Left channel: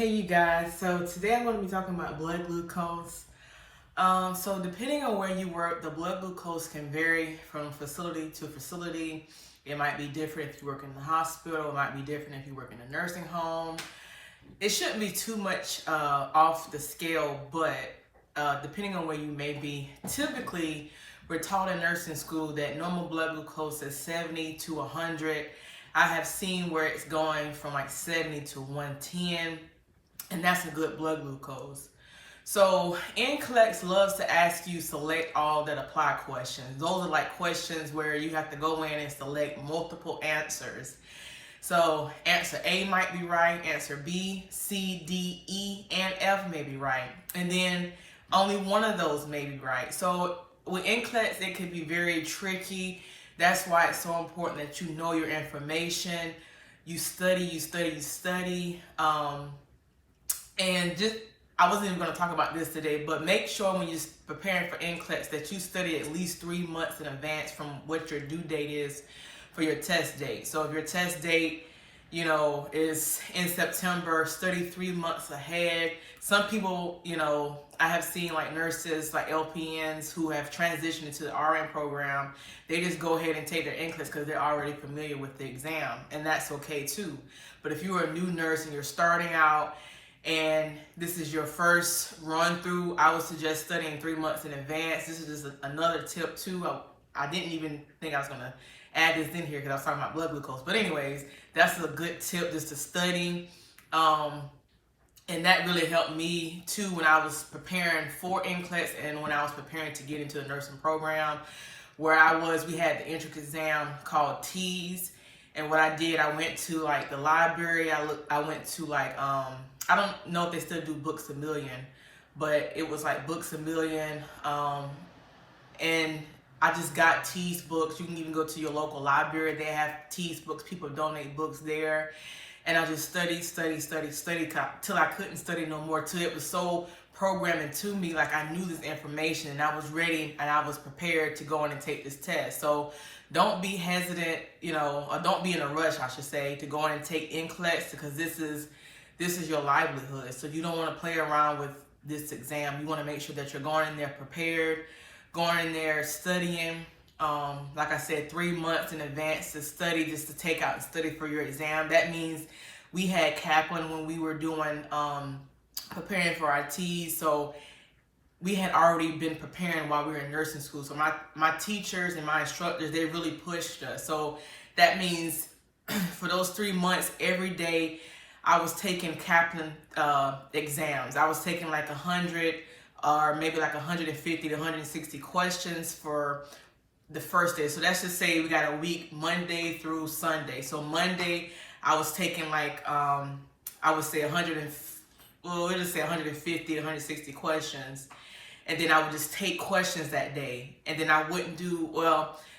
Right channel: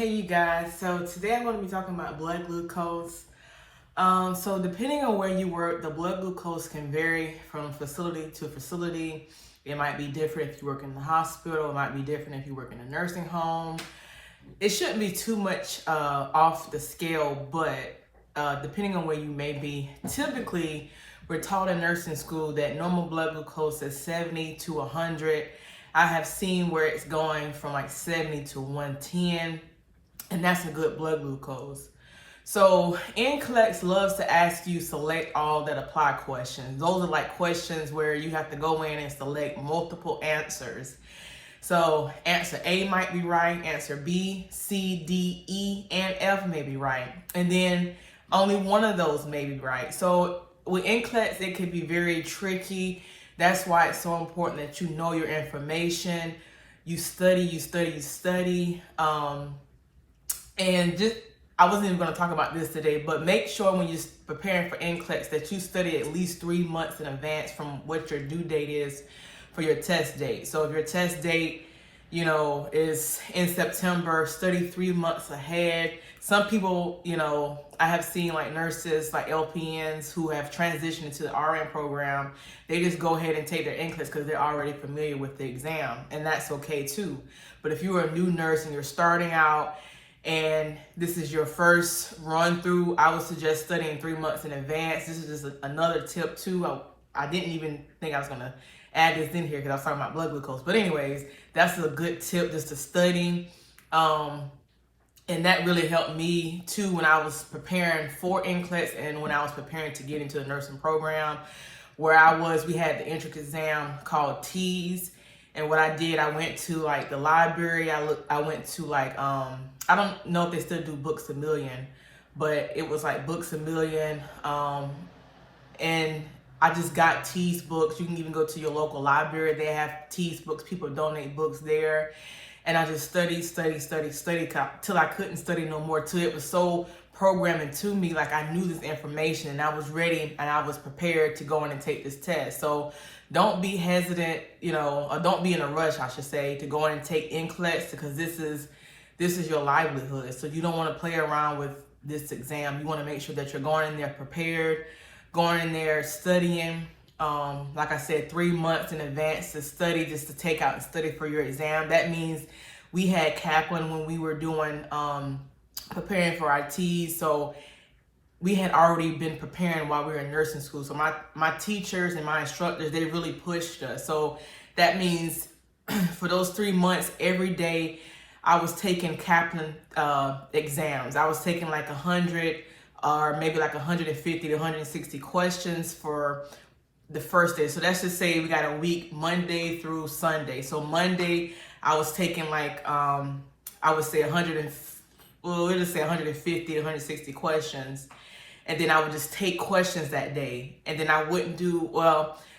Hey you guys, so today I'm going to be talking about blood glucose. So depending on where you work, the blood glucose can vary from facility to facility. It might be different if you work in the hospital, it might be different if you work in a nursing home. It shouldn't be too much off the scale, but depending on where you may be, typically we're taught in nursing school that normal blood glucose is 70 to 100. I have seen where it's going from like 70 to 110. And that's a good blood glucose. So NCLEX loves to ask you select all that apply questions. Those are like questions where you have to go in and select multiple answers. So answer A might be right, answer B, C, D, E, and F may be right. And then only one of those may be right. So with NCLEX, it can be very tricky. That's why it's so important that you know your information. You study. And just, I wasn't even going to talk about this today, but make sure when you're preparing for NCLEX that you study at least 3 months in advance from what your due date is for your test date. So if your test date, is in September, study 3 months ahead. Some people, I have seen like nurses, like LPNs who have transitioned into the RN program. They just go ahead and take their NCLEX because they're already familiar with the exam, and that's okay too. But if you're a new nurse and you're starting out, and this is your first run through, I would suggest studying 3 months in advance. This is just another tip too. I didn't even think I was gonna add this in here because I was talking about blood glucose. But anyways, that's a good tip, just to study. And that really helped me too when I was preparing for NCLEX and when I was preparing to get into the nursing program. We had the entrance exam called TEAS. And what I did, I went to like the library. I went to like, I don't know if they still do Books A Million, but it was like Books A Million. And I just got TEAS books. You can even go to your local library. They have TEAS books. People donate books there. And I just studied till I couldn't study no more. Till it was so programming to me, like I knew this information and I was ready and I was prepared to go in and take this test. So don't be hesitant, or don't be in a rush, I should say, to go in and take NCLEX, because this is your livelihood. So you don't want to play around with this exam. You want to make sure that you're going in there prepared, going in there studying. Like I said, 3 months in advance to study, just to take out and study for your exam. That means we had Kaplan when we were doing preparing for our TEAS. So we had already been preparing while we were in nursing school. So my teachers and my instructors, they really pushed us. So that means for those 3 months, every day I was taking Kaplan exams. I was taking like 100 or maybe like 150 to 160 questions for the first day. So let's just say we got a week, Monday through Sunday. So Monday, I was taking like, I would say 150, 160 questions. And then I would just take questions that day. And then I wouldn't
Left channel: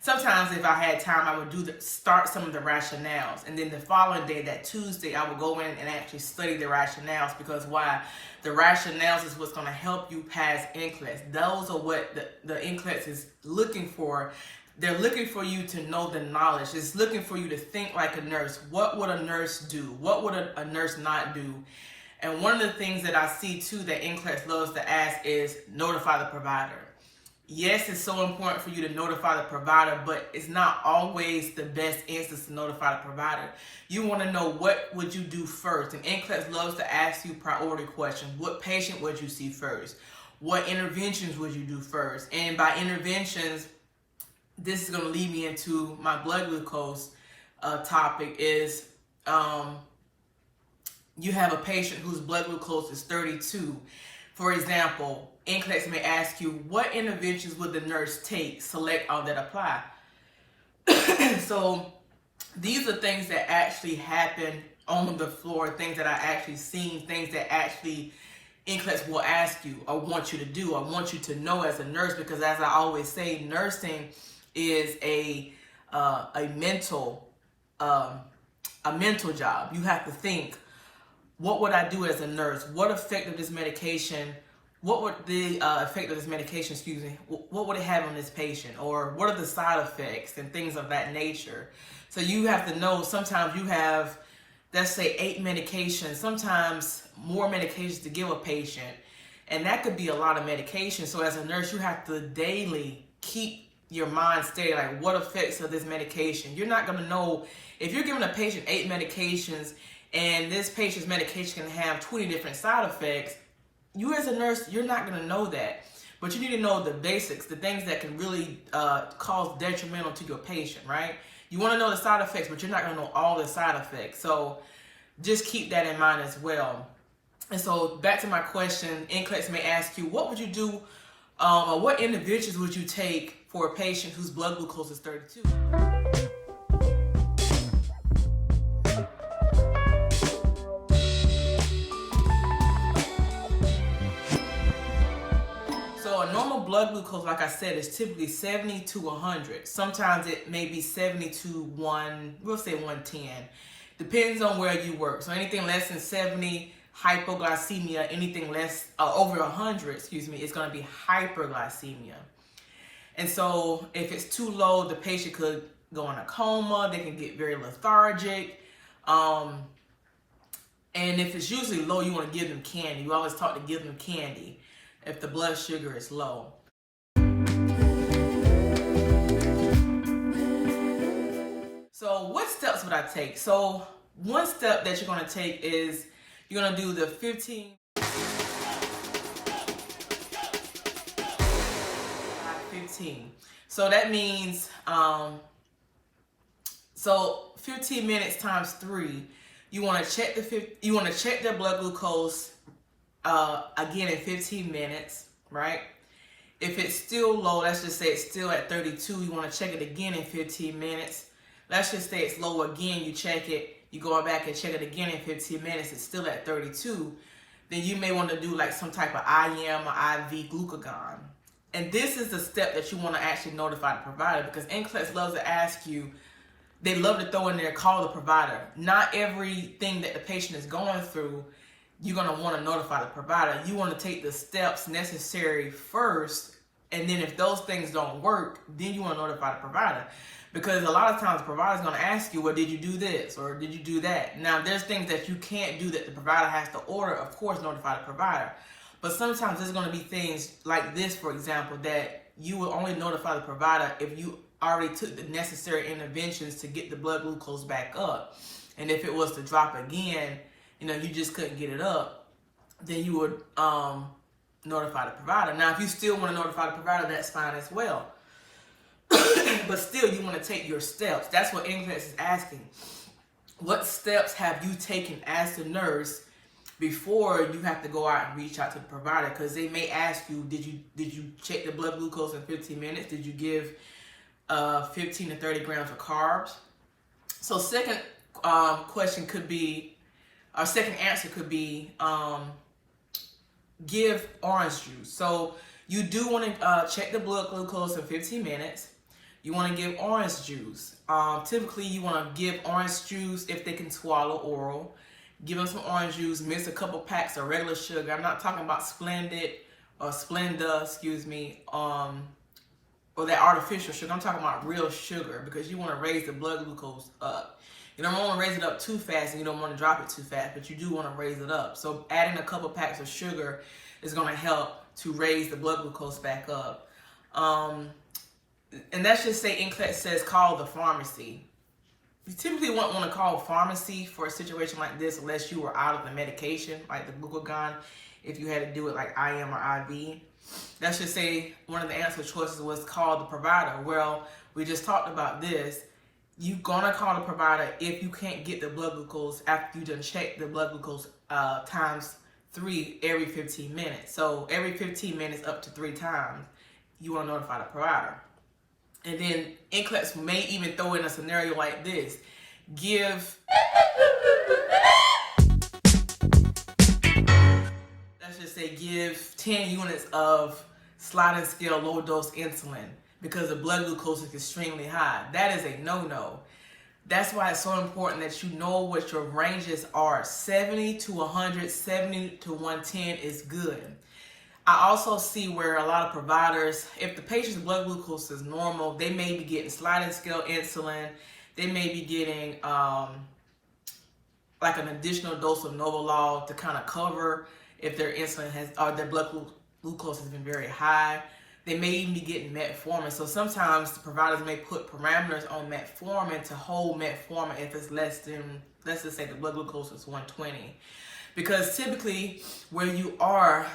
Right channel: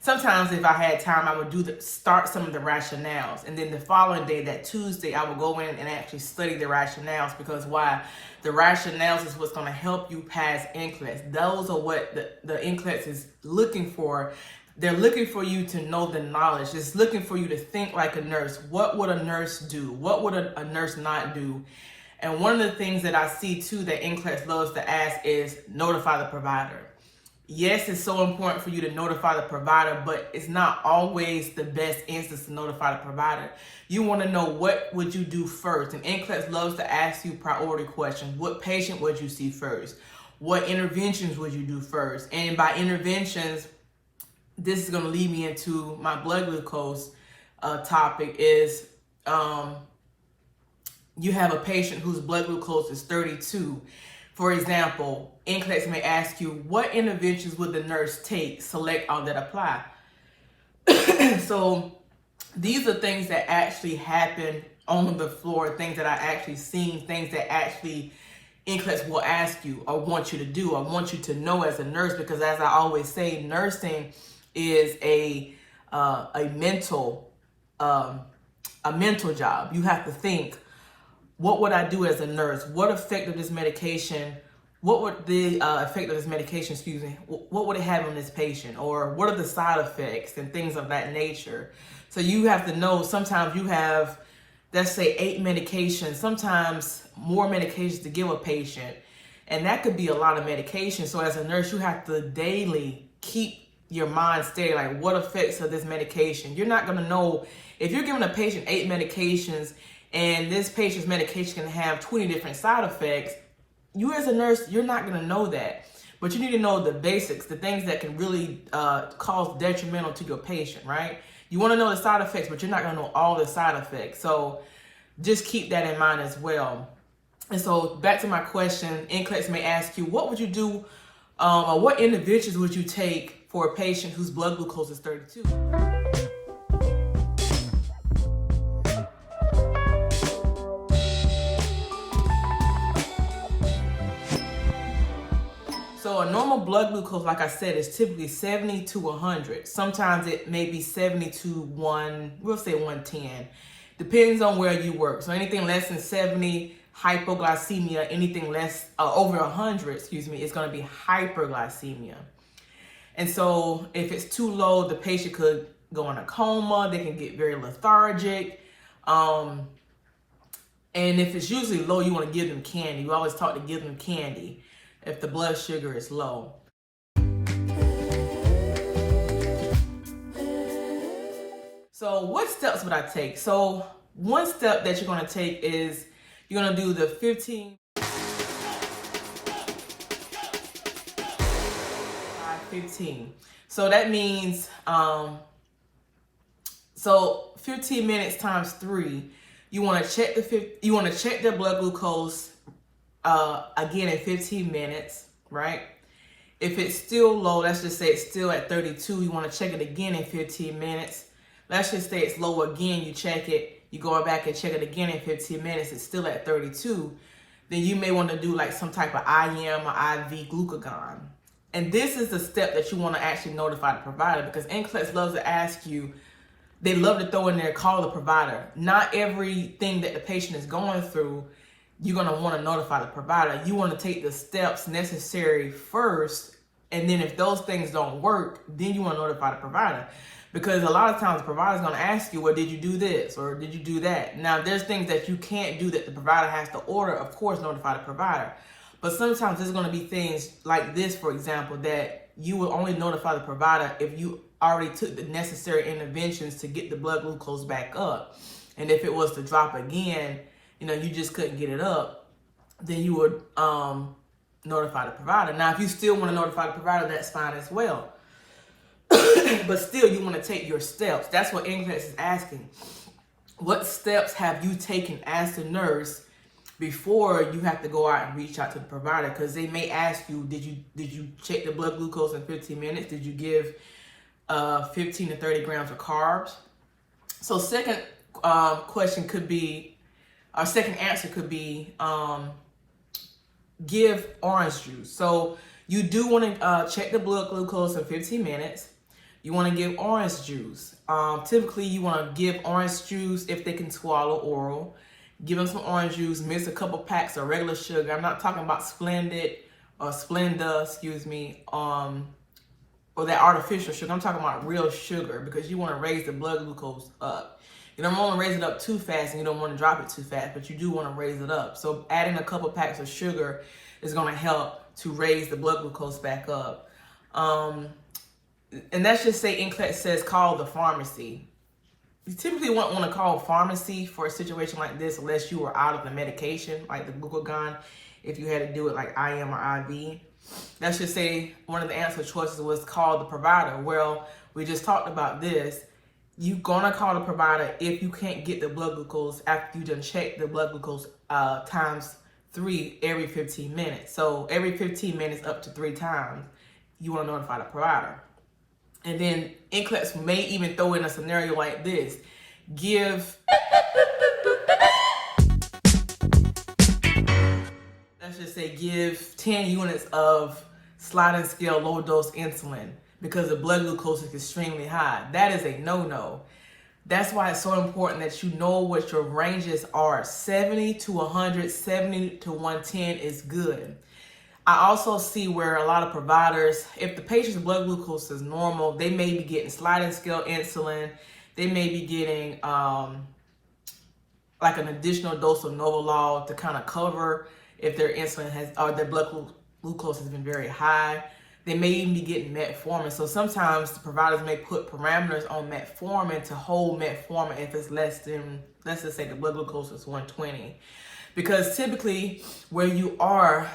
sometimes if I had time, I would start some of the rationales. And then the following day, that Tuesday, I would go in and actually study the rationales, because why? The rationales is what's going to help you pass NCLEX. Those are what the NCLEX is looking for. They're looking for you to know the knowledge. It's looking for you to think like a nurse. What would a nurse do? What would a nurse not do? And one of the things that I see too that NCLEX loves to ask is notify the provider. Yes, it's so important for you to notify the provider, but it's not always the best instance to notify the provider. You want to know, what would you do first? And NCLEX loves to ask you priority questions. What patient would you see first? What interventions would you do first? And by interventions, this is going to lead me into my blood glucose topic is, you have a patient whose blood glucose is 32. For example, NCLEX may ask you, what interventions would the nurse take? Select all that apply. So these are things that actually happen on the floor, things that I actually seen, things that actually NCLEX will ask you or want you to do, or want you to know as a nurse, because as I always say, nursing is a mental job. You have to think, what would I do as a nurse? What would the effect of this medication, what would it have on this patient? Or what are the side effects and things of that nature? So you have to know, sometimes you have let's say 8 medications, sometimes more medications to give a patient. And that could be a lot of medication. So as a nurse, you have to daily keep your mind steady, like what effects of this medication. You're not gonna know if you're giving a patient 8 medications and this patient's medication can have 20 different side effects. You as a nurse, you're not gonna know that. But you need to know the basics, the things that can really cause detrimental to your patient, right? You wanna know the side effects, but you're not gonna know all the side effects. So just keep that in mind as well. And so back to my question, NCLEX may ask you, what would you do or what interventions would you take for a patient whose blood glucose is 32? So a normal blood glucose, like I said, is typically 70 to 100. Sometimes it may be 70 to we'll say 110. Depends on where you work. So anything less than 70, hypoglycemia. Anything less, over 100, it's going to be hyperglycemia. And so if it's too low, the patient could go in a coma. They can get very lethargic. And if it's usually low, you want to give them candy. You always talk to give them candy if the blood sugar is low. So what steps would I take? So one step that you're going to take is you're going to do the 15. So that means, so 15 minutes times 3, you want to check their blood glucose again in 15 minutes, right? If it's still low, let's just say it's still at 32, you want to check it again in 15 minutes. Let's just say it's low again, you check it, you go back and check it again in 15 minutes, it's still at 32, then you may want to do like some type of IM or IV glucagon. And this is the step that you want to actually notify the provider, because NCLEX loves to ask you, they love to throw in there, call the provider. Not everything that the patient is going through, you're going to want to notify the provider. You want to take the steps necessary first, and then if those things don't work, then you want to notify the provider. Because a lot of times the provider is going to ask you, well, did you do this or did you do that? Now, there's things that you can't do that the provider has to order. Of course, notify the provider. But sometimes there's going to be things like this, for example, that you will only notify the provider if you already took the necessary interventions to get the blood glucose back up. And if it was to drop again, you just couldn't get it up, then you would notify the provider. Now, if you still want to notify the provider, that's fine as well. But still, you want to take your steps. That's what NCLEX is asking. What steps have you taken as a nurse before you have to go out and reach out to the provider? Because they may ask you, did you check the blood glucose in 15 minutes? Did you give 15 to 30 grams of carbs? So second question could be, our second answer could be, give orange juice. So you do want to check the blood glucose in 15 minutes. You want to give orange juice. Typically, you want to give orange juice if they can swallow oral. Give them some orange juice, mix a couple packs of regular sugar. I'm not talking about Splenda, or that artificial sugar. I'm talking about real sugar, because you want to raise the blood glucose up. You don't want to raise it up too fast and you don't want to drop it too fast, but you do want to raise it up. So adding a couple packs of sugar is going to help to raise the blood glucose back up. And let's just say NCLEX says call the pharmacy. You typically won't want to call a pharmacy for a situation like this unless you were out of the medication, like the glucagon, if you had to do it like IM or IV. Let's just say one of the answer choices was call the provider. Well, we just talked about this. You're going to call the provider if you can't get the blood glucose after you done check the blood glucose times 3 every 15 minutes. So every 15 minutes up to 3 times, you want to notify the provider. And then NCLEX may even throw in a scenario like this. Let's just say give 10 units of sliding scale low dose insulin because the blood glucose is extremely high. That is a no-no. That's why it's so important that you know what your ranges are. 70 to 100, 70 to 110 is good. I also see where a lot of providers, if the patient's blood glucose is normal, they may be getting sliding scale insulin. They may be getting like an additional dose of Novolol to kind of cover if their insulin has, or their blood glucose has been very high. They may even be getting metformin. So sometimes the providers may put parameters on metformin to hold metformin if it's less than, let's just say the blood glucose is 120. Because typically where you are,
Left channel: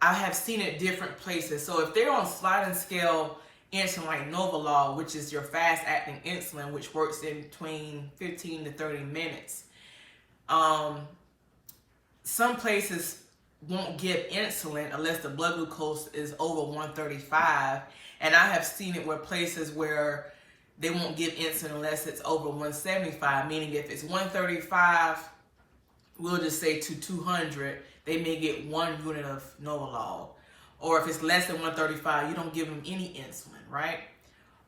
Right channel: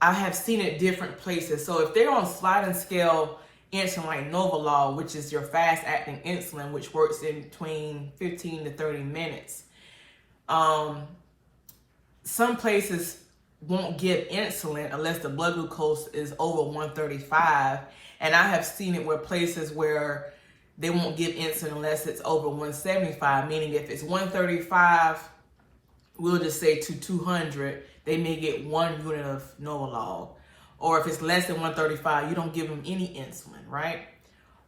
I have seen it different places. So if they're on sliding scale insulin like Novolol, which is your fast acting insulin, which works in between 15 to 30 minutes, some places won't give insulin unless the blood glucose is over 135. And I have seen it where places where they won't give insulin unless it's over 175, meaning if it's 135, we'll just say to 200, they may get 1 unit of Novolol. Or if it's less than 135, you don't give them any insulin, right?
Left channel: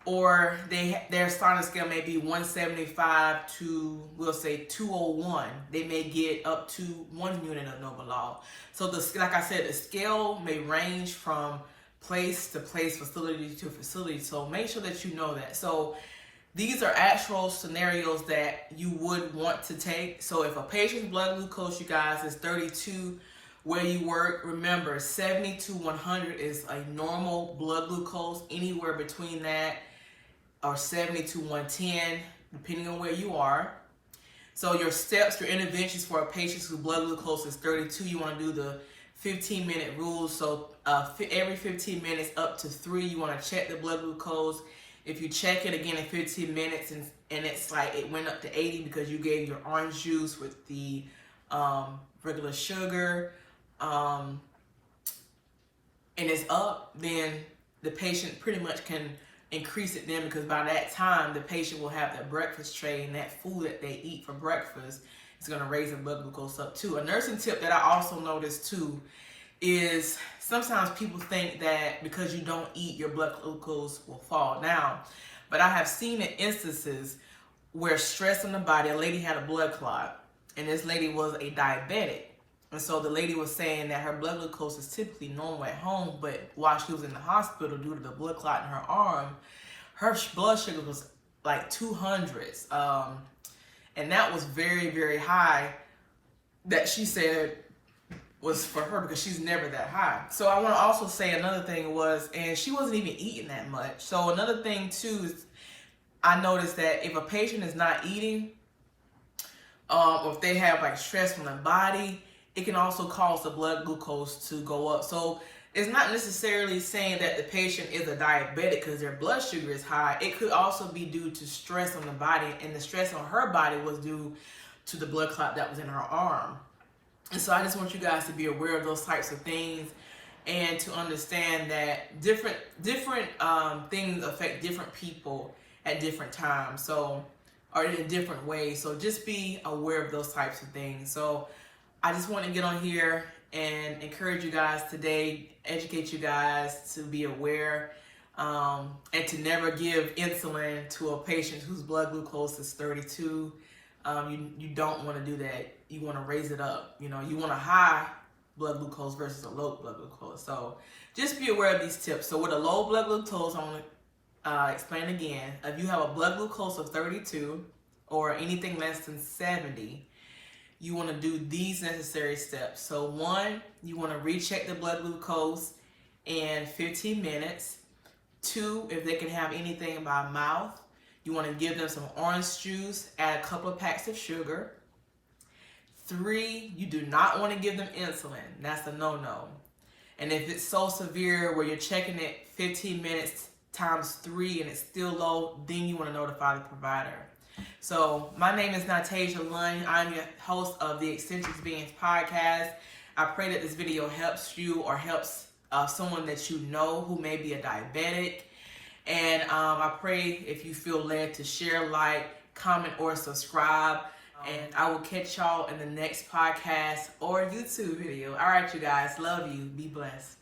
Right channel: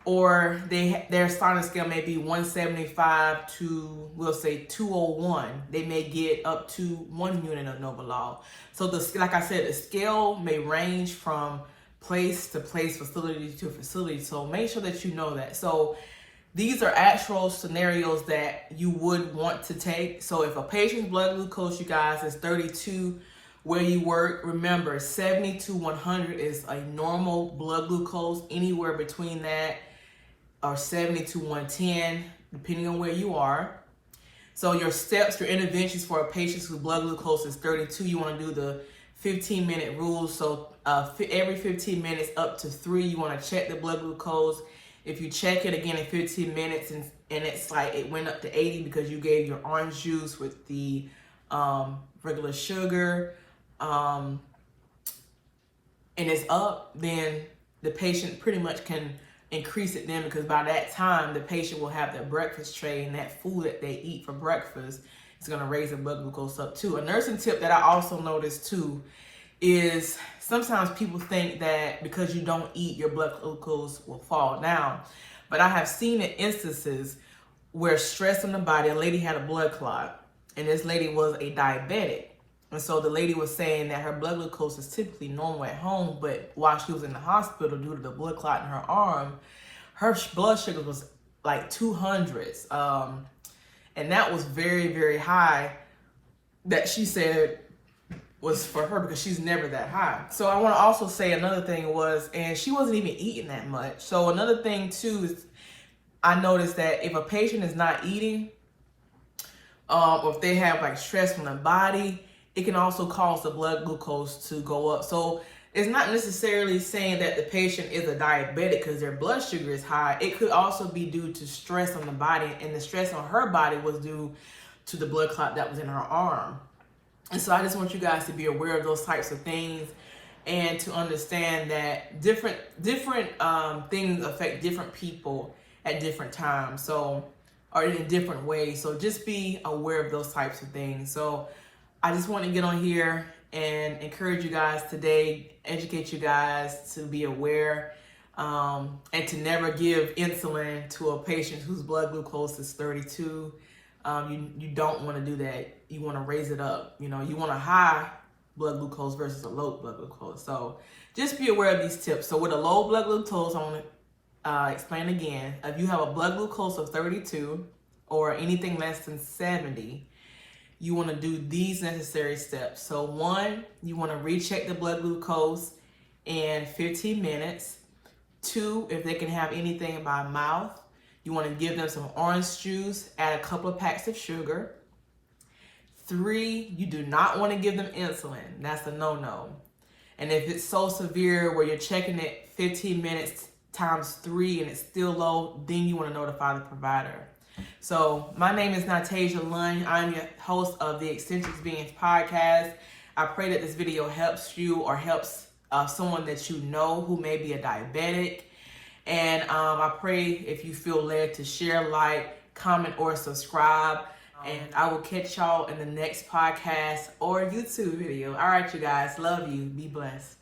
Or their sliding scale may be 175 to, we'll say 201. They may get up to 1 unit of Novolol. So like I said, the scale may range from place to place, facility to facility. So make sure that you know that. So these are actual scenarios that you would want to take. So if a patient's blood glucose, you guys, is 32 where you work, remember 70 to 100 is a normal blood glucose. Anywhere between that or 70 to 110, depending on where you are. So your steps, your interventions for a patient whose blood glucose is 32, you want to do the 15-minute rule. So every 15 minutes up to 3, you want to check the blood glucose. If you check it again in 15 minutes and it's like it went up to 80 because you gave your orange juice with the regular sugar, and it's up, then the patient pretty much can increase it then, because by that time the patient will have their breakfast tray, and that food that they eat for breakfast is going to raise their blood glucose up too. A nursing tip that I also noticed too is sometimes people think that because you don't eat, your blood glucose will fall down. But I have seen in instances where stress on the body, a lady had a blood clot, and this lady was a diabetic. And so the lady was saying that her blood glucose is typically normal at home, but while she was in the hospital due to the blood clot in her arm, her blood sugar was like 200s. And that was very, very high, that she said was for her because she's never that high. So I want to also say another thing was, and she wasn't even eating that much. So another thing too is I noticed that if a patient is not eating, or if they have like stress from the body, it can also cause the blood glucose to go up. So it's not necessarily saying that the patient is a diabetic because their blood sugar is high. It could also be due to stress on the body, and the stress on her body was due to the blood clot that was in her arm. And so I just want you guys to be aware of those types of things and to understand that different things affect different people at different times, so, or in different ways. So just be aware of those types of things. So I just want to get on here and encourage you guys today, educate you guys to be aware, and to never give insulin to a patient whose blood glucose is 32. You don't want to do that. You want to raise it up. You know, you want a high blood glucose versus a low blood glucose. So just be aware of these tips. So with a low blood glucose, I want to explain again. If you have a blood glucose of 32 or anything less than 70, you want to do these necessary steps. So 1, you want to recheck the blood glucose in 15 minutes. 2, if they can have anything by mouth, you want to give them some orange juice, add a couple of packs of sugar. 3, you do not want to give them insulin. That's a no-no. And if it's so severe where you're checking it 15 minutes times 3 and it's still low, then you want to notify the provider. So my name is Natasia Lund. I'm your host of the Eccentrics Beings podcast. I pray that this video helps you or helps someone that you know who may be a diabetic. And I pray if you feel led to share, like, comment, or subscribe. And I will catch y'all in the next podcast or YouTube video. All right, you guys. Love you. Be blessed.